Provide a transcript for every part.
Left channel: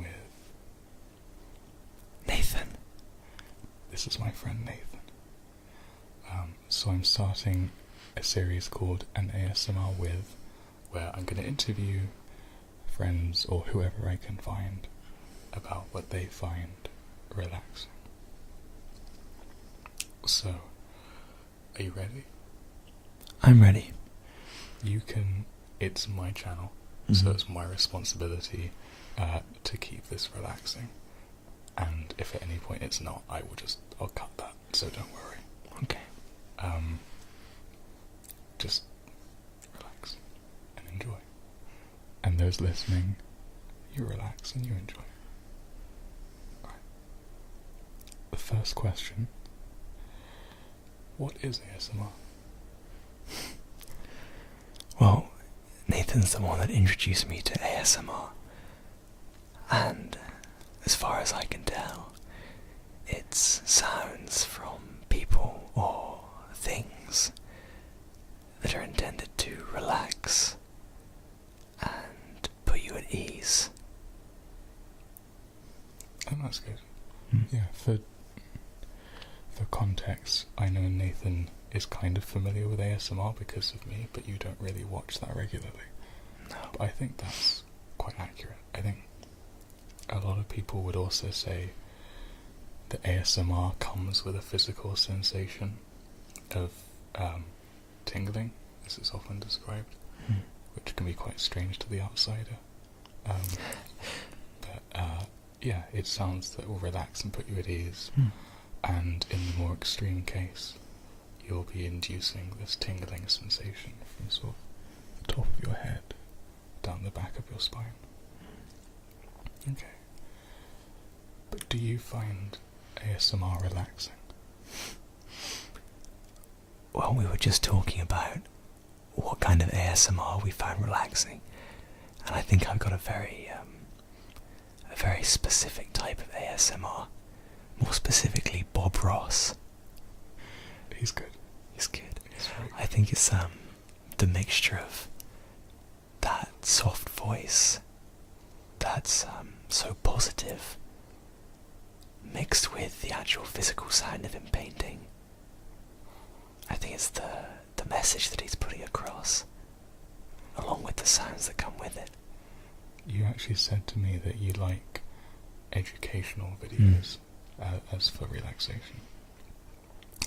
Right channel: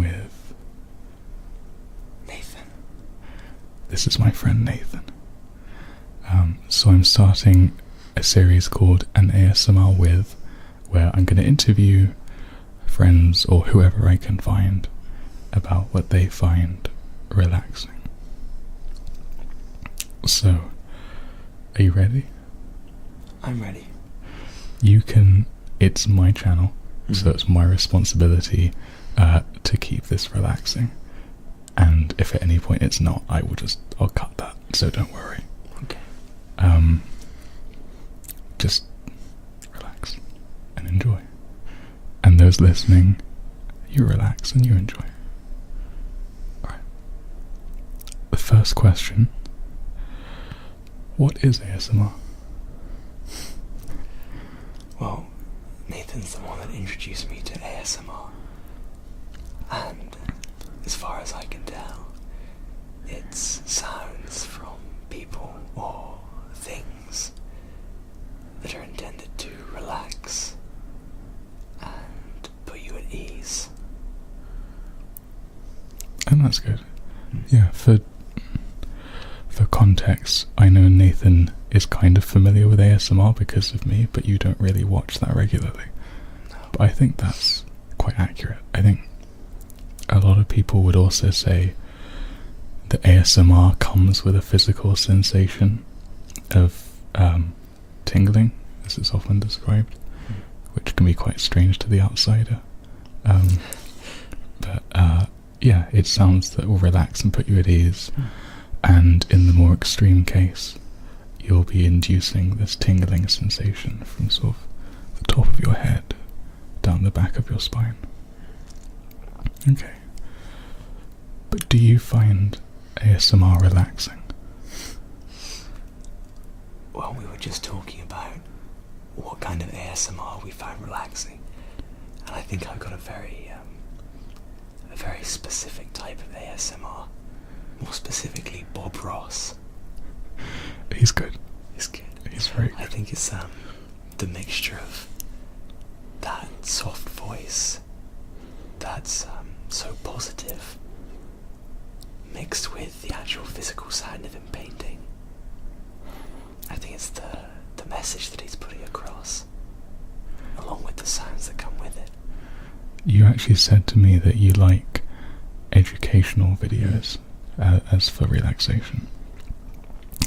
with Nathan. This is my friend Nathan. So I'm starting a series called An ASMR With, where I'm going to interview friends or whoever I can find about what they find relaxing. So, are you ready? I'm ready. It's my channel, so it's my responsibility to keep this relaxing. And if at any point it's not, I'll cut that, so don't worry. Okay. Just relax and enjoy. And those listening, you relax and you enjoy. Alright. The first question: what is ASMR? Well, Nathan's the one that introduced me to ASMR. And as far as I can tell, it's sounds from people or things that are intended to relax and put you at ease. And that's good. Yeah, for context, I know Nathan is kind of familiar with ASMR because of me, but you don't really watch that regularly. No. But I think that's quite accurate. I think a lot of people would also say that ASMR comes with a physical sensation of tingling, as it's often described, which can be quite strange to the outsider. Yeah, it sounds that will relax and put you at ease. And in the more extreme case, you'll be inducing this tingling sensation from sort of the top of your head down the back of your spine. Okay. But do you find ASMR relaxing? Well, we were just talking about what kind of ASMR we find relaxing, and I think I've got a very specific type of ASMR. More specifically, Bob Ross. He's good. He's good. He's very good. I think it's the mixture of that soft voice that's so positive, mixed with the actual physical sound of him painting. I think it's the message that he's putting across, along with the sounds that come with it. You actually said to me that you like educational videos as for relaxation.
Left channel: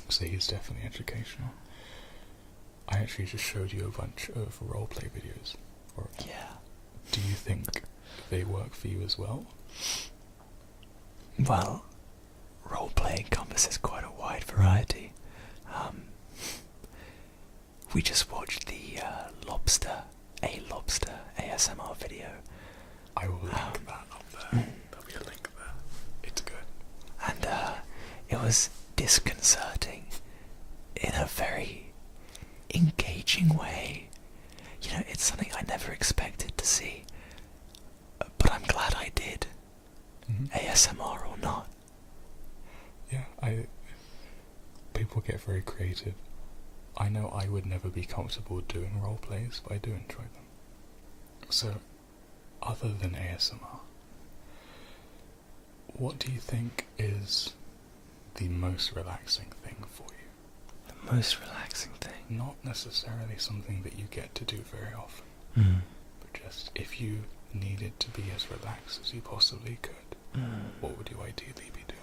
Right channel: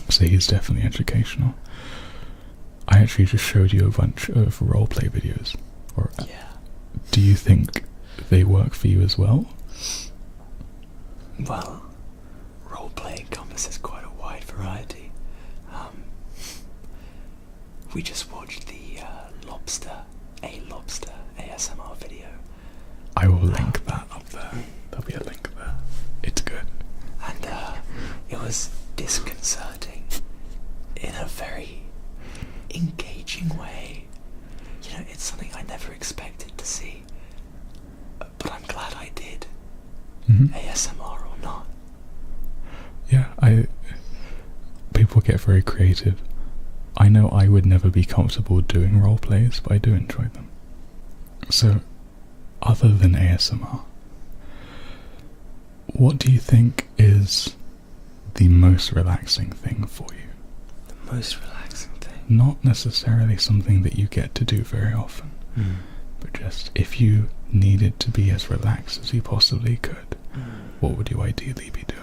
So he's definitely educational. I actually just showed you a bunch of roleplay videos. Yeah. Do you think they work for you as well? Well, roleplay encompasses quite a wide variety. We just watched the Lobster ASMR video. I will link that up there. There'll be a link there. It's good. And it was disconcerting in a very engaging way. You know, it's something I never expected to see. But I'm glad I did. ASMR or not. Yeah, people get very creative. I know I would never be comfortable doing role plays, but I do enjoy them. So, other than ASMR, what do you think is the most relaxing thing for you? The most relaxing thing? Not necessarily something that you get to do very often, but just if you needed to be as relaxed as you possibly could, what would you ideally be doing?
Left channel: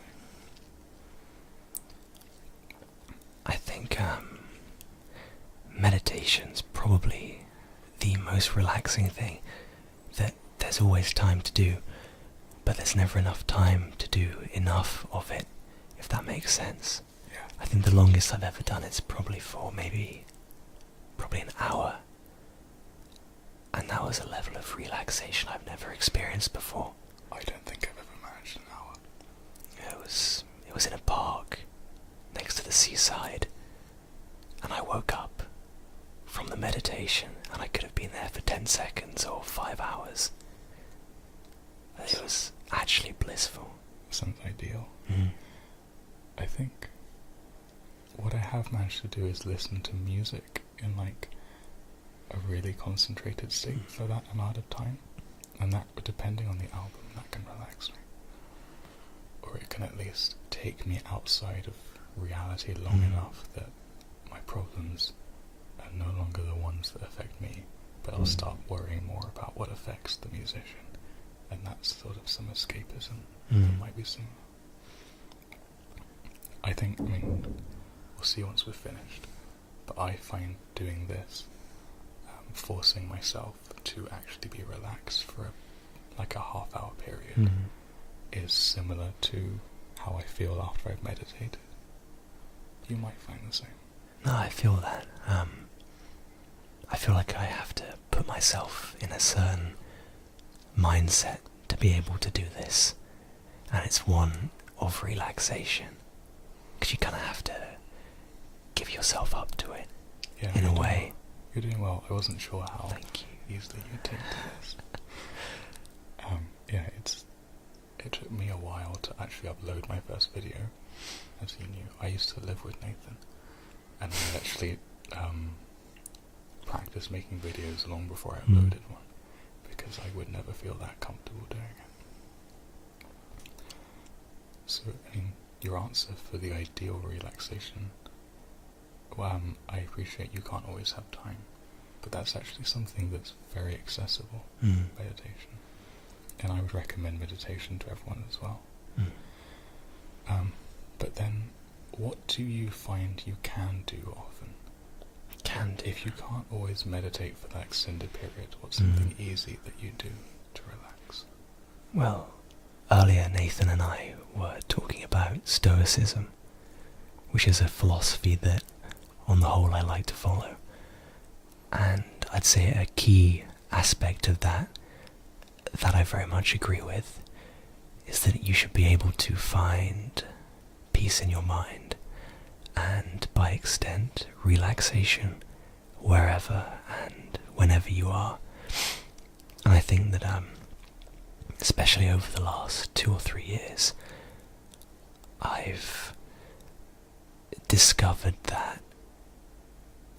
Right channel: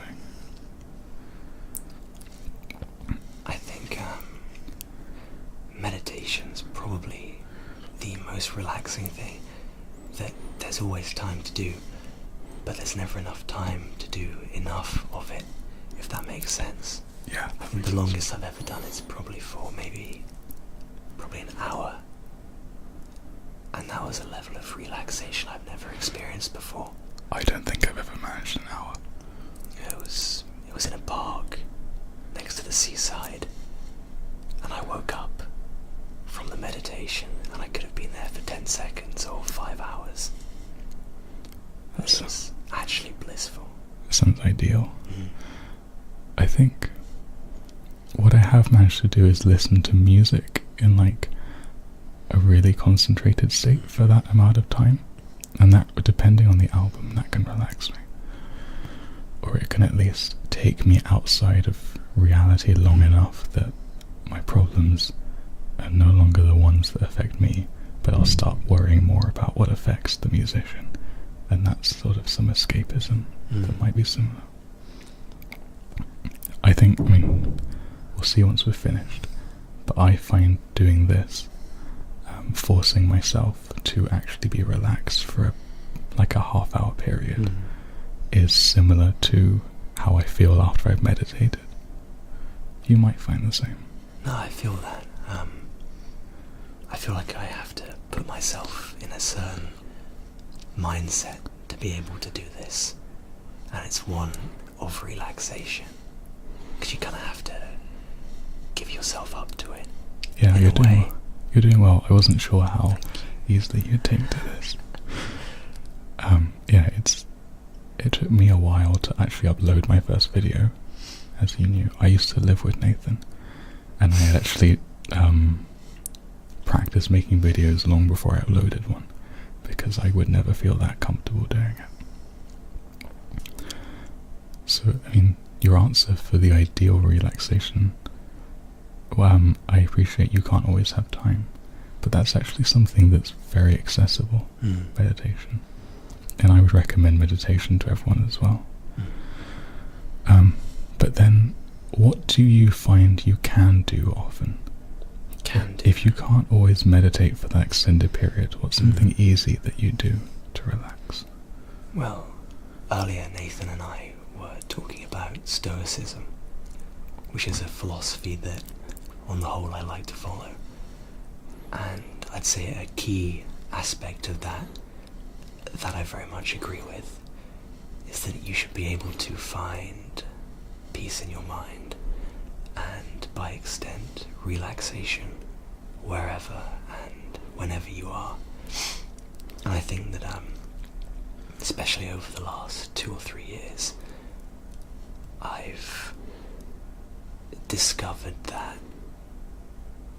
I think meditation's probably the most relaxing thing that there's always time to do, but there's never enough time to do enough of it, if that makes sense. Yeah. I think the longest I've ever done it's probably for probably an hour, and that was a level of relaxation I've never experienced before. I don't think I've ever managed an hour. It was in a park next to the seaside, and I woke up from the meditation and I could have been there for 10 seconds or 5 hours. It was actually blissful. Sounds ideal. I think what I have managed to do is listen to music in like a really concentrated state for that amount of time. And that, depending on the album, that can relax me. Or it can at least take me outside of reality long enough that my problems are no longer the ones that affect me, but I'll start worrying more about what affects the musician. And that's sort of some escapism that might be similar. I mean, we'll see once we're finished, but I find doing this, forcing myself to actually be relaxed for like a half-hour period, is similar to how I feel after I've meditated. You might find the same. No, I feel that. I feel like I have to put myself in a certain mindset to be able to do this, and it's one of relaxation, because you kind of have to give yourself up to it. Yeah, you're doing well. You're doing well. I wasn't sure how easily you'd take to this. Yeah, it took me a while to actually upload my first video, as you knew. I used to live with Nathan, and I had actually practiced making videos long before I uploaded one, because I would never feel that comfortable doing it. So, I mean, your answer for the ideal relaxation, I appreciate you can't always have time, but that's actually something that's very accessible, meditation. And I would recommend meditation to everyone as well. But then, what do you find you can do often? If you can't always meditate for that extended period, what's something easy that you do to relax? Well, earlier Nathan and I were talking about Stoicism, which is a philosophy that, on the whole, I like to follow. And I'd say a key aspect of that I very much agree with is that you should be able to find peace in your mind, and by extent relaxation, wherever and whenever you are. And I think that especially over the last 2 or 3 years, I've discovered that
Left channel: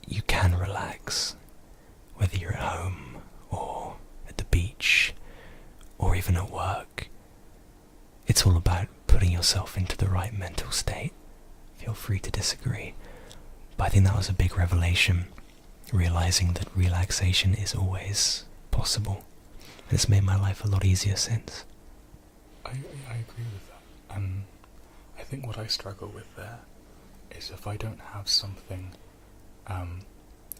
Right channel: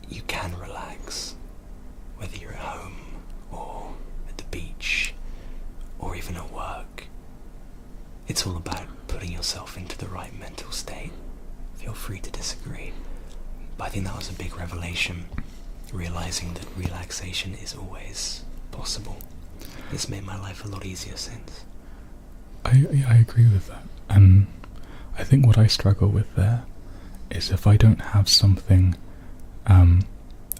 you can relax, whether you're at home or at the beach or even at work. It's all about putting yourself into the right mental state. Feel free to disagree, but I think that was a big revelation, realizing that relaxation is always possible. It's made my life a lot easier since. I agree with that, and I think what I struggle with there is if I don't have something and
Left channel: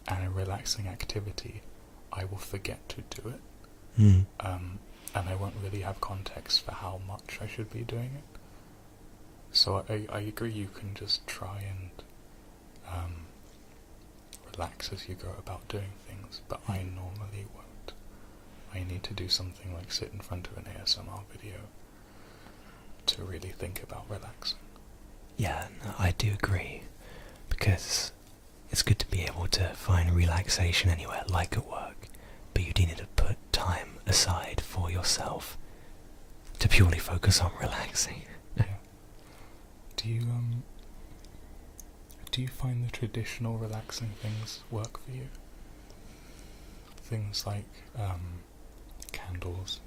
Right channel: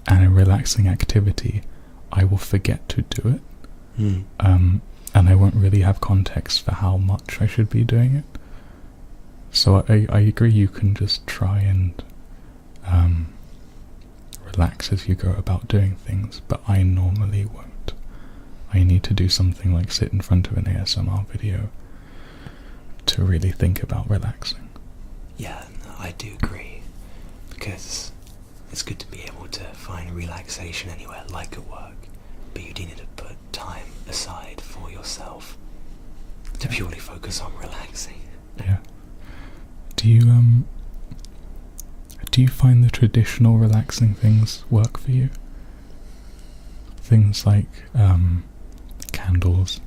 a relaxing activity, I will forget to do it, and I won't really have context for how much I should be doing it. So I agree you can just try and relax as you go about doing things, but I normally won't. I need to do something like sit in front of an ASMR video to really think about relaxing. Yeah, no, I do agree, because it's good to be able to find relaxation anywhere, like at work, but you do need to put time aside for yourself to purely focus on relaxing. Yeah. Do you find the traditional relaxing things work for you? Things like candles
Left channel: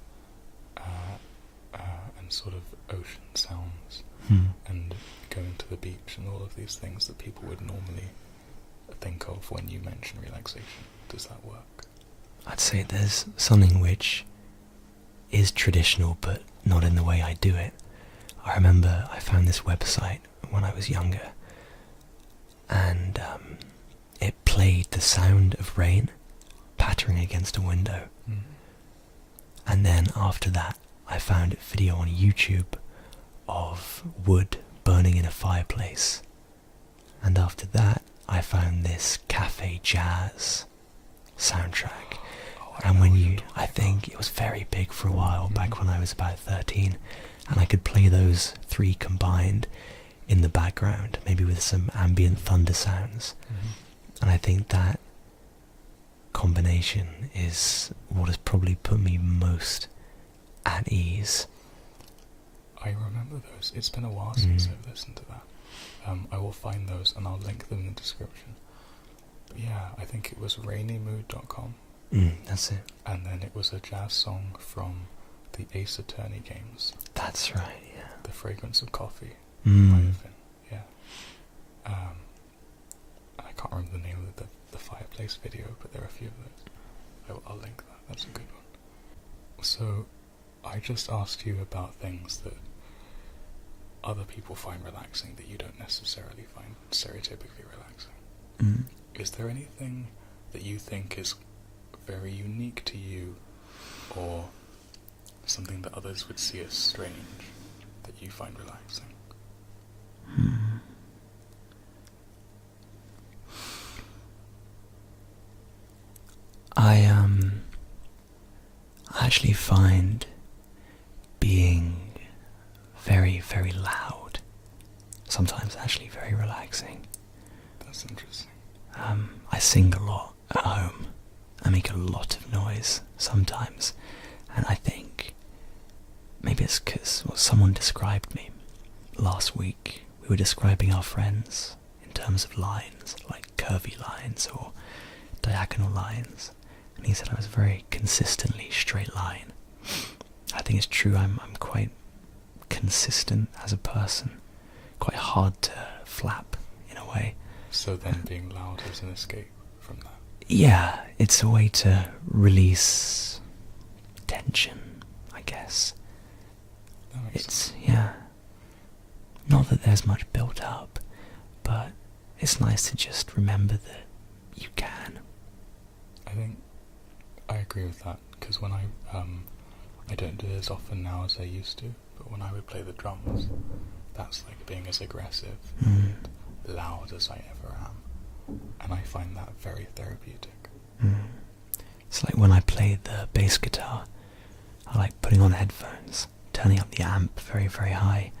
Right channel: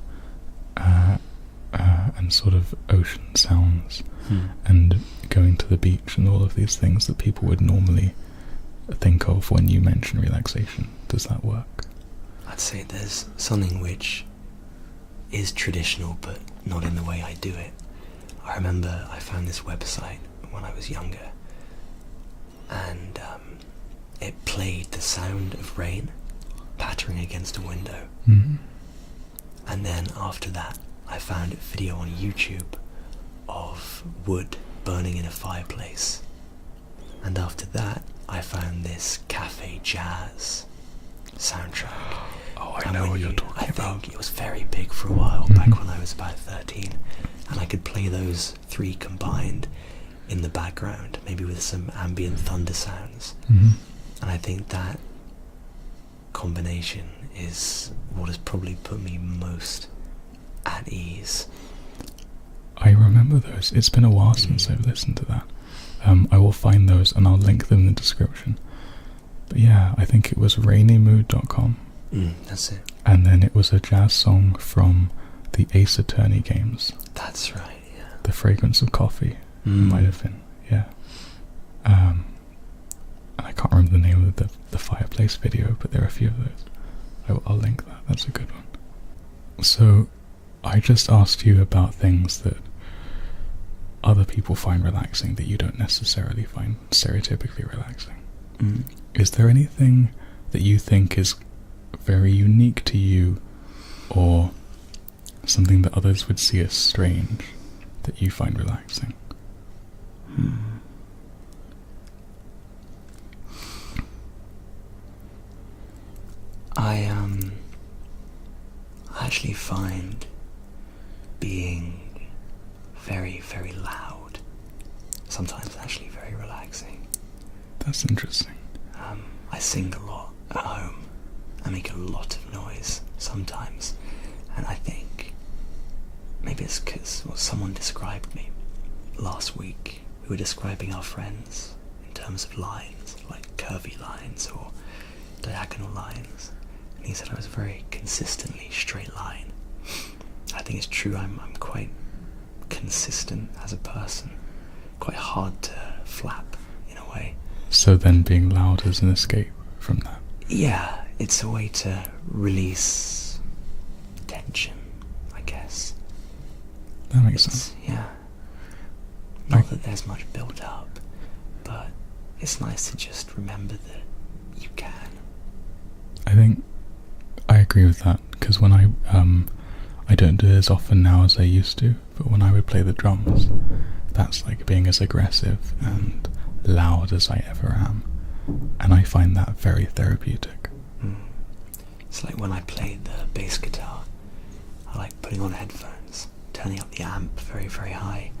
and sort of ocean sounds and going to the beach and all of these things that people would normally think of when you mention relaxation. Does that work? I'd say there's something which is traditional but not in the way I do it. I remember I found this website when I was younger, and it played the sound of rain pattering against a window. And then after that I found a video on YouTube of wood burning in a fireplace, and after that I found this cafe jazz soundtrack. I know what you're talking I about. think it was very big for a while, back when I was about 13, and I could play those 3 combined in the background, maybe with some ambient thunder sounds. And I think that combination is what has probably put me most at ease. I remember those. It's been a while since I've listened to that. I will find those and I'll link them in the description. But yeah, I think it was rainymood.com. That's it. And then it was a jazz song from the Ace Attorney games. That's right, yeah. The Fragrance of Coffee might have been, yeah. And I can't remember the name of the Fireplace video, but there are a few of those. I'll link that, that's a good one. So, I just asked you about things that other people find relaxing that you don't necessarily find stereotypically relaxing. Is there anything that you think is very unique to you, or something that others would see as strange that you find relaxing? I actually find being very, very loud sometimes actually very relaxing. That's interesting. I sing a lot at home. I make a lot of noise sometimes, and I think maybe it's because someone described me last week. We were describing our friends in terms of lines, like curvy lines or diagonal lines, and he said I was a very consistently straight line. I think it's true. I'm quite consistent as a person, quite hard to flap in a way. So then being loud is an escape from that? Yeah, it's a way to release tension, I guess. That makes sense. Yeah. Not that there's much built up, but it's nice to just remember that you can. I think I agree with that, because when I don't do it as often now as I used to, but when I would play the drums, that's like being as aggressive and loud as I ever am, and I find that very therapeutic. It's like when I played the bass guitar, I like putting on headphones, turning up the amp very, very high,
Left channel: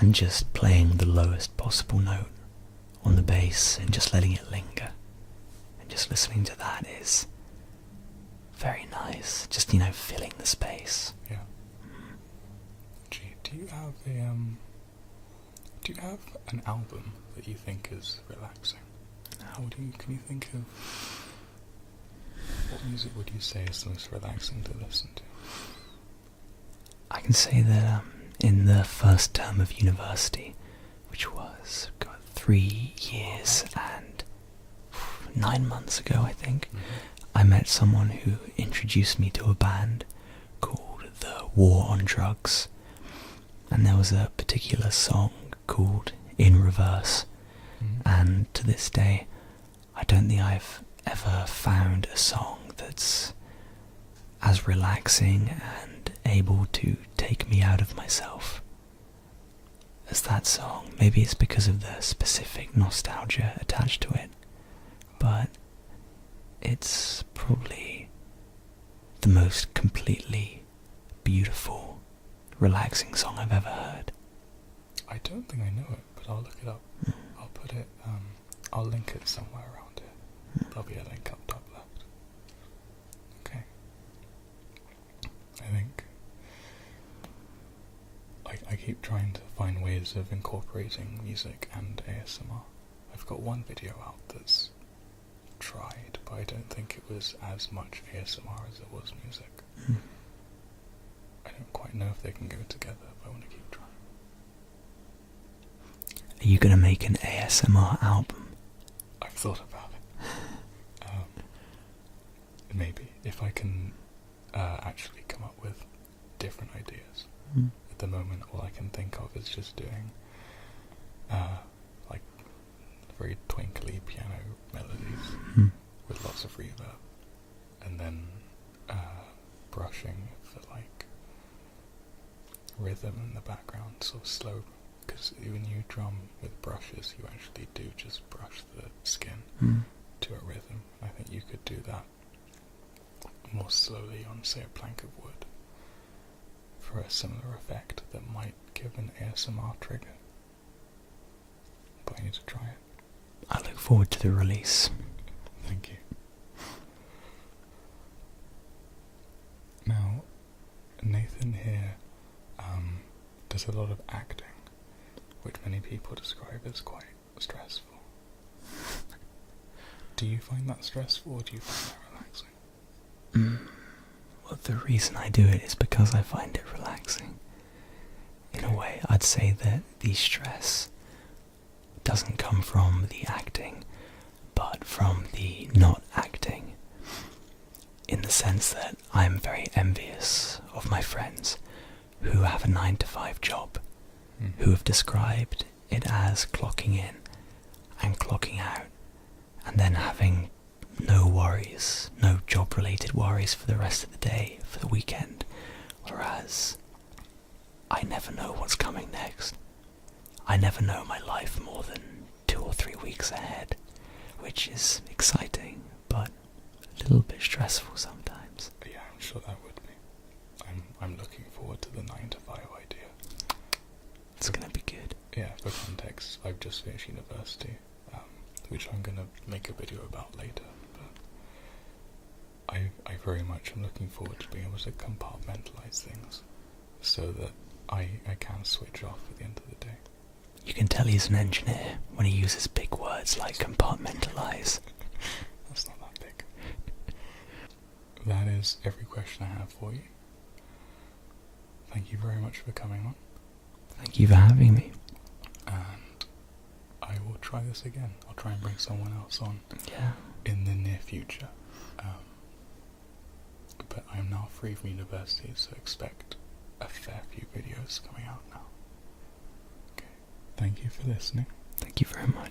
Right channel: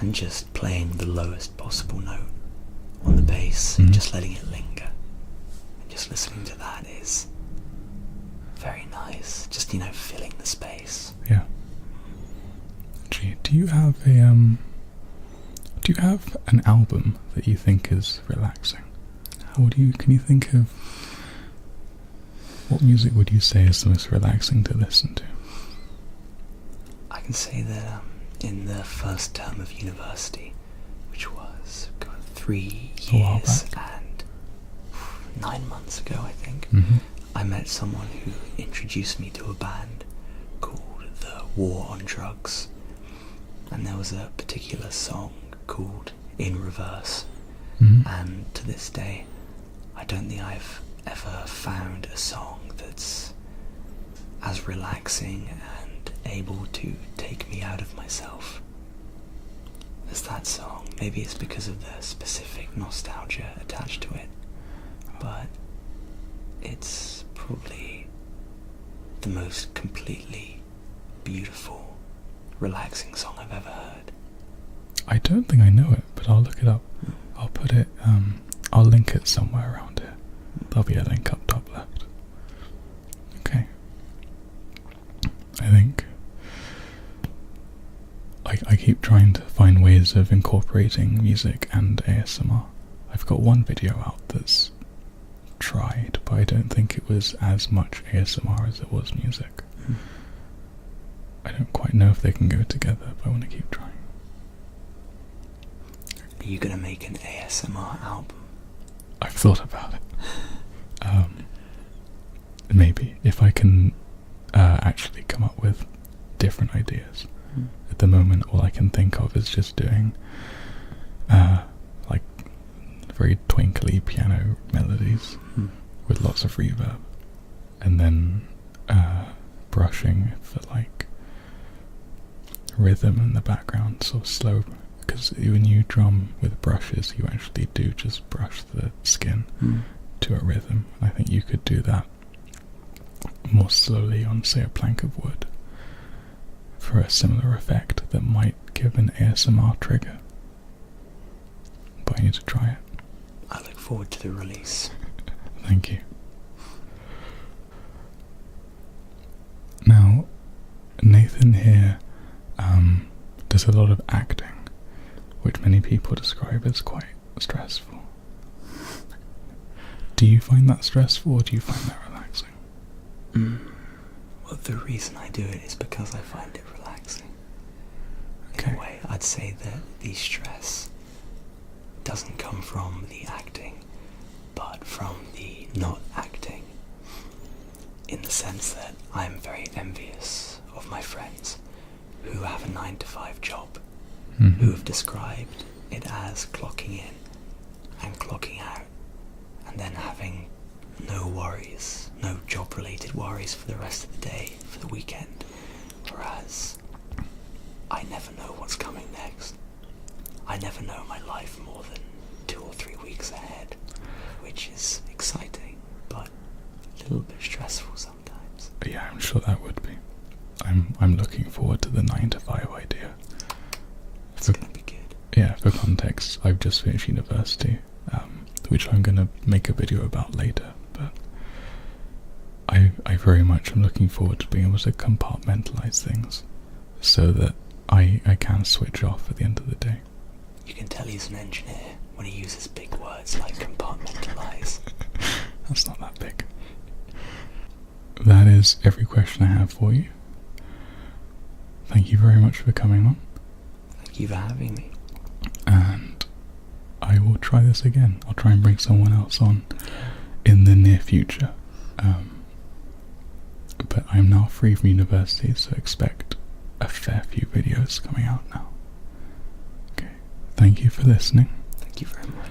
and just playing the lowest possible note on the bass and just letting it linger. And just listening to that is very nice. Just, filling the space. Yeah. Gee, do you have an album that you think is relaxing? Or can you think of what music would you say is the most relaxing to listen to? I can say that in the first term of university, which was 3 years and 9 months ago, I think, I met someone who introduced me to a band called The War on Drugs, and there was a particular song called In Reverse, and to this day I don't think I've ever found a song that's as relaxing and able to take me out of myself as that song. Maybe it's because of the specific nostalgia attached to it, but it's probably the most completely beautiful, relaxing song I've ever heard. I don't think I know it, but I'll look it up. I'll put it, I'll link it somewhere around here. There'll be a link up top left. Okay. I think I keep trying to find ways of incorporating music and ASMR. I've got one video out that's tried, but I don't think it was as much ASMR as it was music. I don't quite know if they can go together, but I want to keep trying. Are you going to make an ASMR album? I've thought about it. Maybe, if I can actually come up with different ideas. At the moment, all I can think of is just doing like very twinkly piano melodies with lots of reverb, and then brushing for like rhythm in the background, sort of slow, because when you drum with brushes you actually do just brush the skin to a rhythm. I think you could do that more slowly on, say, a plank of wood for a similar effect that might give an ASMR trigger, but I need to try it. I look forward to the release. Thank you. Now, Nathan here does a lot of acting, which many people describe as quite stressful. Do you find that stressful, or do you find that relaxing? Well, the reason I do it is because I find it relaxing. In a way, I'd say that the stress doesn't come from the acting, but from the not acting. In the sense that I am very envious of my friends who have a 9-to-5 job, who have described it as clocking in and clocking out, and then having no worries, no job-related worries for the rest of the day, for the weekend, whereas I never know what's coming next. I never know my life more than 2 or 3 weeks ahead, which is exciting, but a little bit stressful sometimes. Yeah, I'm sure that would be. I'm looking forward to the 9-to-5 idea. It's going to be good. Yeah, for context, I've just finished university, which I'm going to make a video about later, but I very much am looking forward to being able to compartmentalize things so that I can switch off at the end of the day. You can tell he's an engineer when he uses big words like compartmentalize. That's not that big. That is every question I have for you. Thank you very much for coming on. Thank you for having me. And I will try this again. I'll try and bring someone else on in the near future. But I'm now free from university, so expect a fair few videos coming out now. Okay. Thank you for listening. Thank you very much.